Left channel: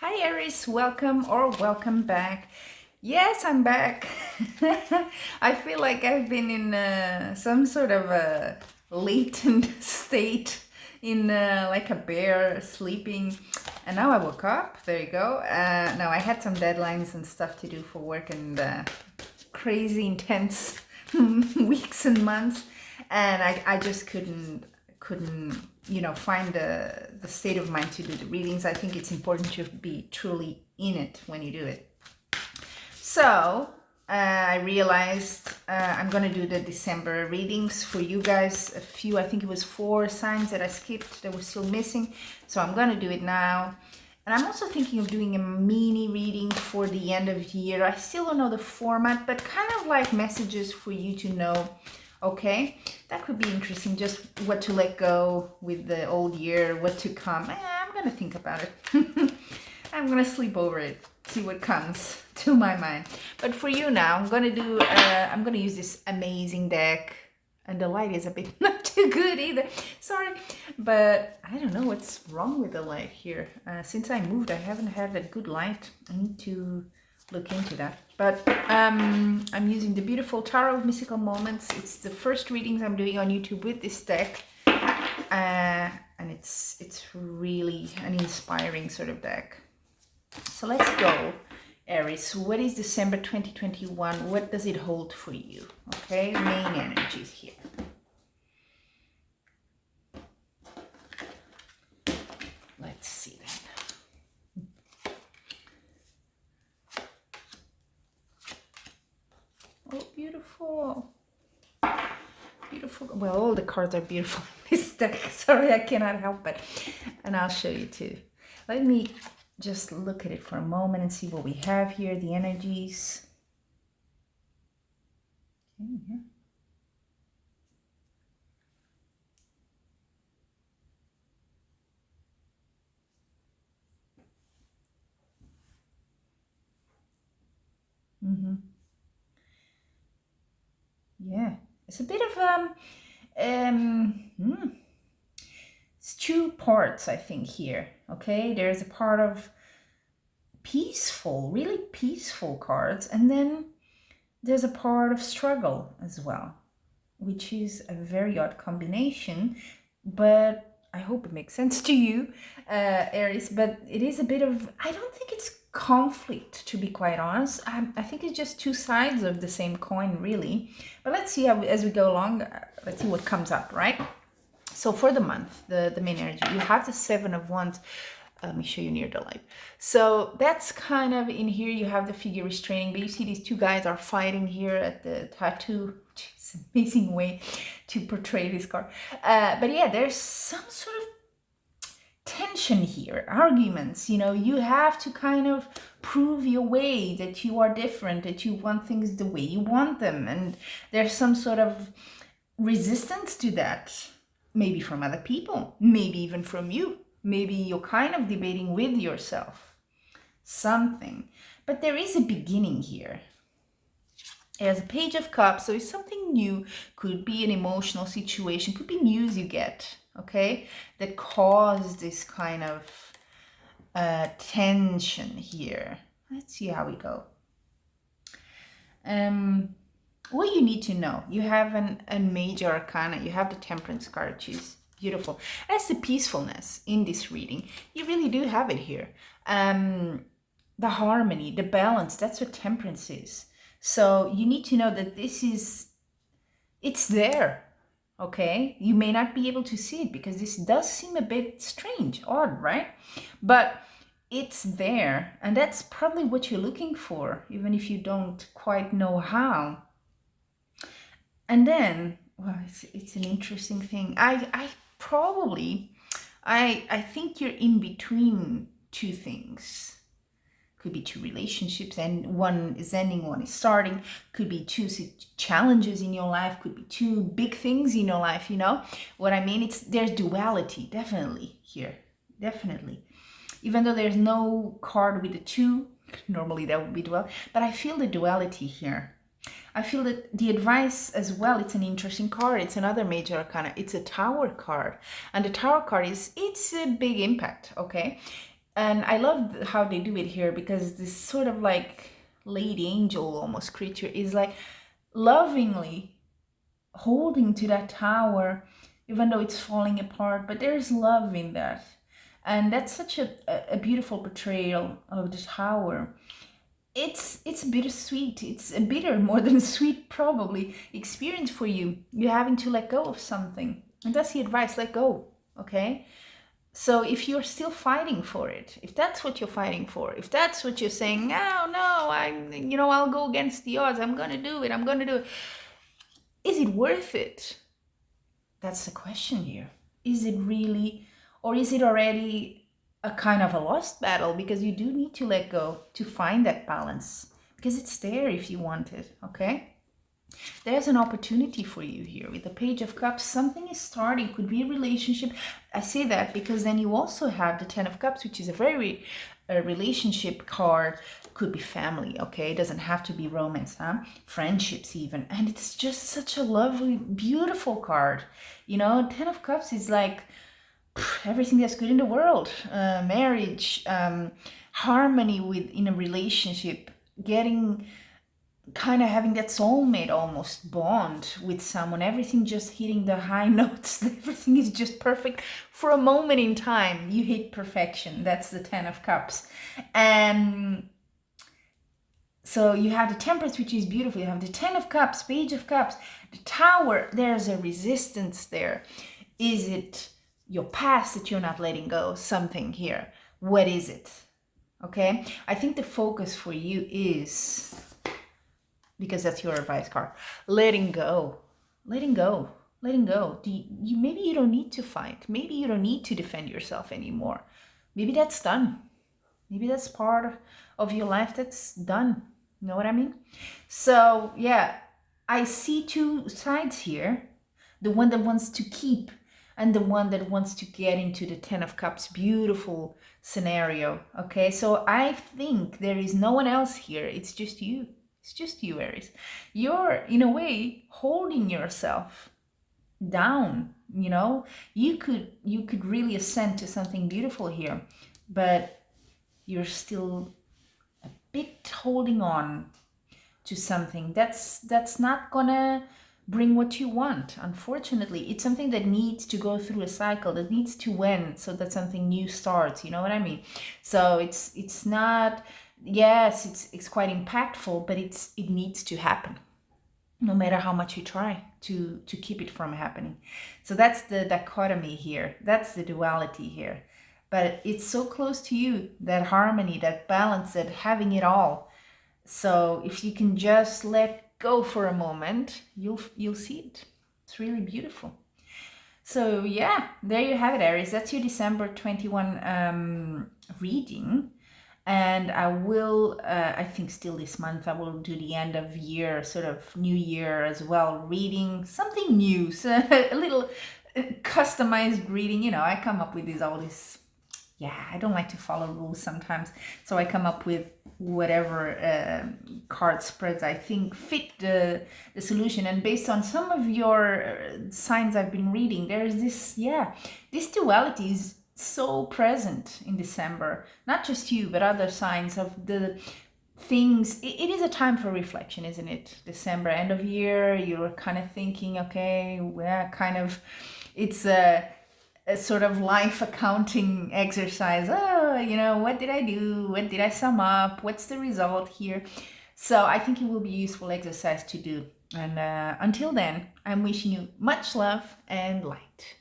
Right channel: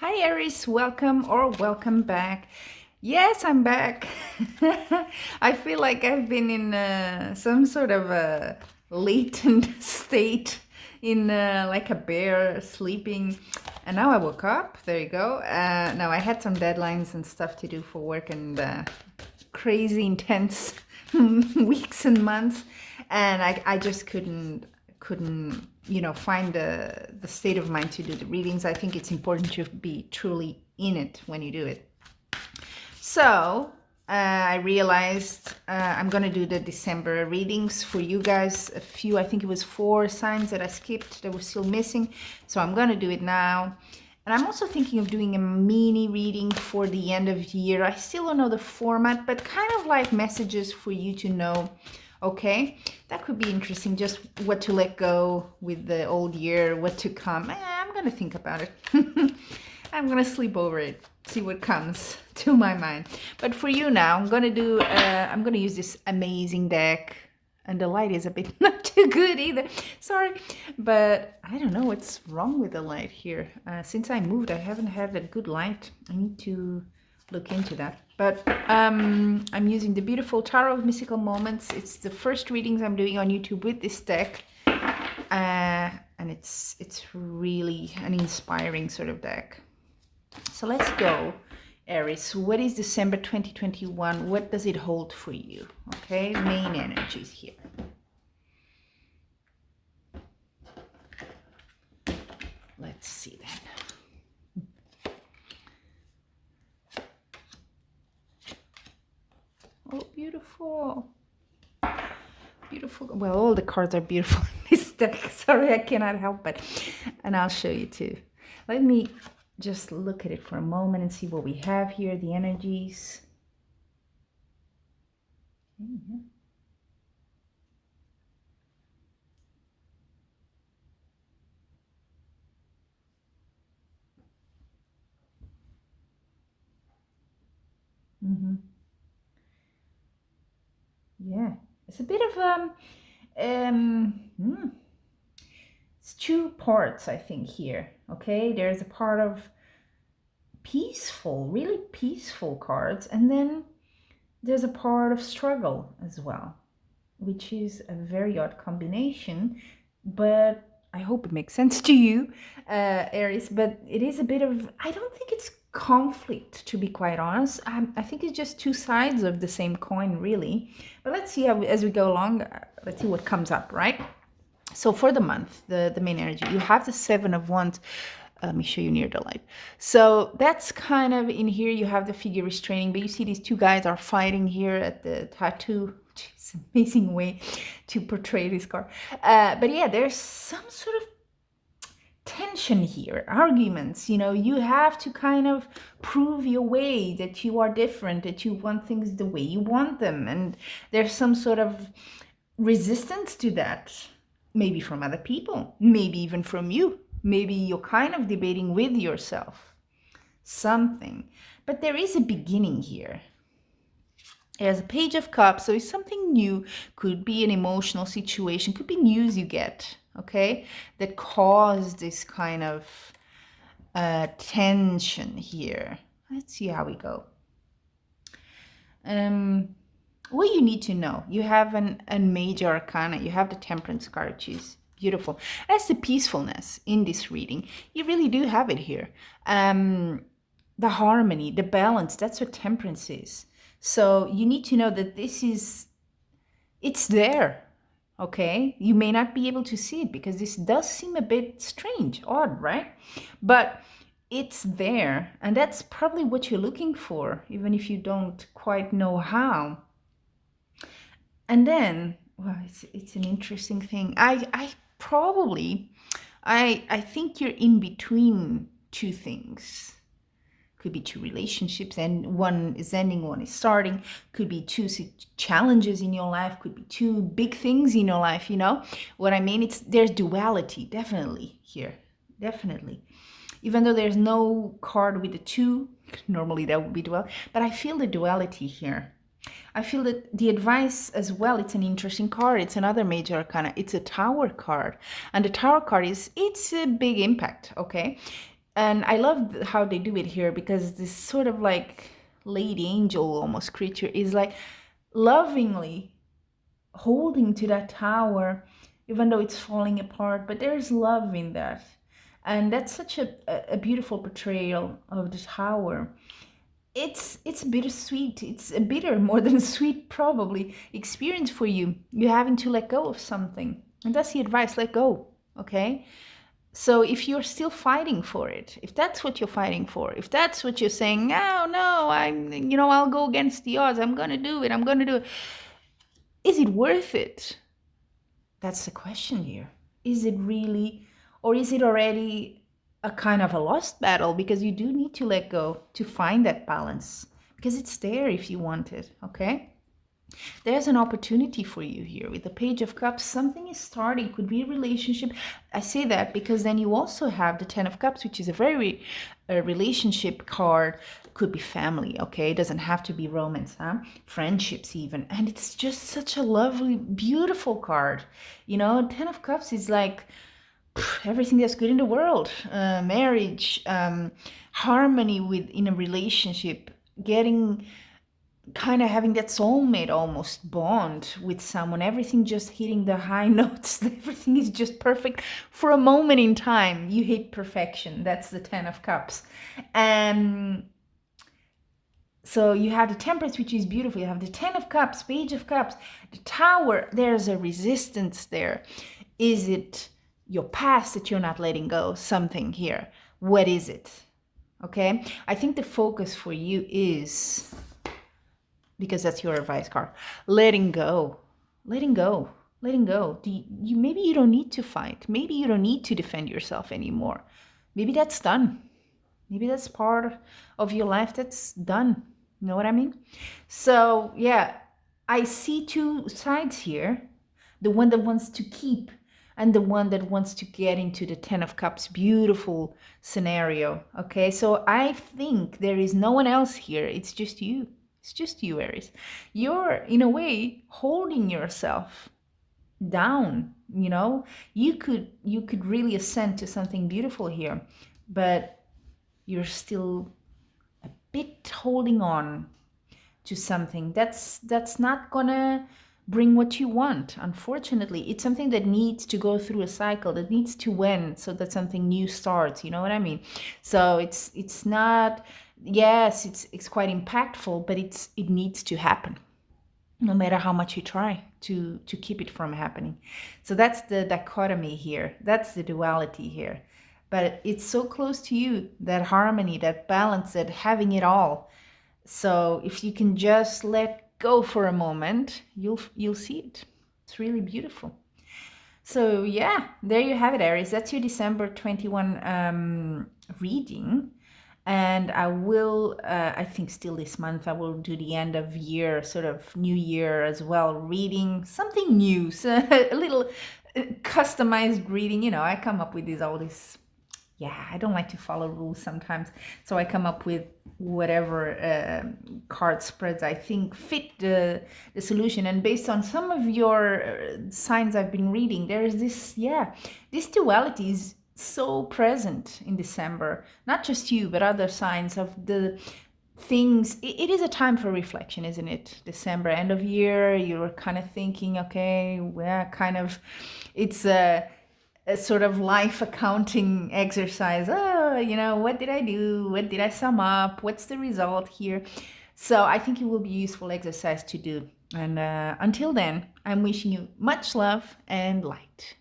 Hi Aries, welcome or welcome back. Yes, I'm back. I feel like I've been in some sort of a latent state in like a bear sleeping. And now I woke up. There you go. Now I had some deadlines and stuff to do for work and crazy intense weeks and months, and I just couldn't find the state of mind to do the readings. I think it's important to be truly in it when you do it. So I realized I'm gonna do the December readings for you guys. A few, I think it was 4 signs that I skipped that were still missing. So I'm gonna do it now. And I'm also thinking of doing a mini reading for the end of the year. I still don't know the format, but kind of like messages for you to know, okay, that could be interesting. Just what to let go with the old year, what to come. I'm gonna think about it. I'm gonna sleep over it, see what comes to my mind. But for you now, I'm gonna use this amazing deck, and the light is a bit not too good either. Sorry, but I don't know what's wrong with the light here. Since I moved, I haven't had a good light. I need to look into that. But I'm using the beautiful Tarot of Mystical Moments. It's the first readings I'm doing on YouTube with this deck. And it's really an inspiring sort of deck. So let's go, Aries. What is December 2021? What does it hold for you? Okay, main energies here. Let's see then. Oh, beautiful. Beautiful. Well, all the cards are beautiful in this deck. Sorry, I cannot help it. And I'll show you too. Let me just look at it for a moment and see what we have here, the energies. Mm-hmm. Mm-hmm. Yeah, it's a bit of it's 2 parts, I think, here. Okay, there's a part of peaceful, really peaceful cards, and then there's a part of struggle as well, which is a very odd combination, but I hope it makes sense to you, Aries. But it is a bit of, I don't think it's conflict, to be quite honest. I think it's just 2 sides of the same coin, really. But let's see how, as we go along, let's see what comes up, right? So for the month, the main energy, you have the 7 of Wands. Let me show you near the light. So that's kind of in here. You have the figure restraining, but you see these 2 guys are fighting here at the tattoo. It's an amazing way to portray this card. But yeah, there's some sort of tension here, arguments. You have to kind of prove your way, that you are different, that you want things the way you want them, and there's some sort of resistance to that, maybe from other people, maybe even from you. Maybe you're kind of debating with yourself something, but there is a beginning here. There's a Page of Cups, so it's something new. Could be an emotional situation, could be news you get, okay, that caused this kind of tension here. Let's see how we go. What you need to know, you have a major arcana, you have the Temperance card, which is beautiful. That's the peacefulness in this reading. You really do have it here. The harmony, the balance, that's what Temperance is. So you need to know that it's there, okay? You may not be able to see it because this does seem a bit strange, odd, right? But it's there, and that's probably what you're looking for, even if you don't quite know how. And then, well, it's an interesting thing. I probably, I think you're in between 2 things. Could be 2 relationships, and one is ending, one is starting. Could be 2 challenges in your life. Could be 2 big things in your life. You know what I mean? There's duality, definitely here, definitely. Even though there's no card with the 2, normally that would be dual, but I feel the duality here. I feel that the advice as well, it's an interesting card. It's another major arcana. It's a Tower card. And the Tower card it's a big impact, okay? And I love how they do it here, because this sort of like lady angel almost creature is like lovingly holding to that tower, even though it's falling apart, but there's love in that. And that's such a beautiful portrayal of the tower. It's bittersweet. It's a bitter, more than sweet, probably, experience for you. You're having to let go of something. And that's the advice, let go, okay? So if you're still fighting for it, if that's what you're fighting for, if that's what you're saying, no, no, I'll go against the odds, I'm going to do it, I'm going to do it. Is it worth it? That's the question here. Is it really, or is it already a kind of a lost battle? Because you do need to let go to find that balance, because it's there if you want it, okay? There's an opportunity for you here with the Page of Cups. Something is starting, could be a relationship. I say that because then you also have the Ten of Cups, which is a very relationship card. Could be family, okay? It doesn't have to be romance, huh? Friendships even. And it's just such a lovely, beautiful card. You know, Ten of Cups is like everything that's good in the world. Marriage, harmony in a relationship, getting kind of having that soulmate almost bond with someone, everything just hitting the high notes, everything is just perfect for a moment in time. You hit perfection. That's the Ten of Cups. And so you have the Temperance, which is beautiful. You have the Ten of Cups, Page of Cups, the Tower. There's a resistance there. Is it your past that you're not letting go? Something here. What is it? Okay, I think the focus for you is, because that's your advice card, letting go, letting go, letting go. Maybe you don't need to fight. Maybe you don't need to defend yourself anymore. Maybe that's done. Maybe that's part of your life that's done. You know what I mean? So yeah, I see two sides here. The one that wants to keep, and the one that wants to get into the Ten of Cups. Beautiful scenario. Okay, so I think there is no one else here. It's just you. It's just you, Aries. You're, in a way, holding yourself down, you know? You could really ascend to something beautiful here, but you're still a bit holding on to something that's not gonna bring what you want. Unfortunately, it's something that needs to go through a cycle, that needs to end so that something new starts. You know what I mean? So it's not, yes, it's quite impactful, but it needs to happen, no matter how much you try to keep it from happening. So that's the dichotomy here. That's the duality here. But it's so close to you, that harmony, that balance, that having it all. So if you can just let go for a moment, you'll see it. It's really beautiful. So yeah, there you have it, Aries. That's your December 21 reading. And I will, I think still this month, I will do the end of year, sort of new year as well, reading something new, so a little customized reading. You know, I come up with all these, yeah, I don't like to follow rules sometimes. So I come up with whatever card spreads I think fit the solution. And based on some of your signs I've been reading, there's this, yeah, this duality is so present in December. Not just you, but other signs of the things. It is a time for reflection, isn't it? December, end of year, you're kind of thinking, okay, yeah, kind of, it's a sort of life accounting exercise. Oh, you know, what did I do? What did I sum up? What's the result here? So I think it will be a useful exercise to do. And until then, I'm wishing you much love and light.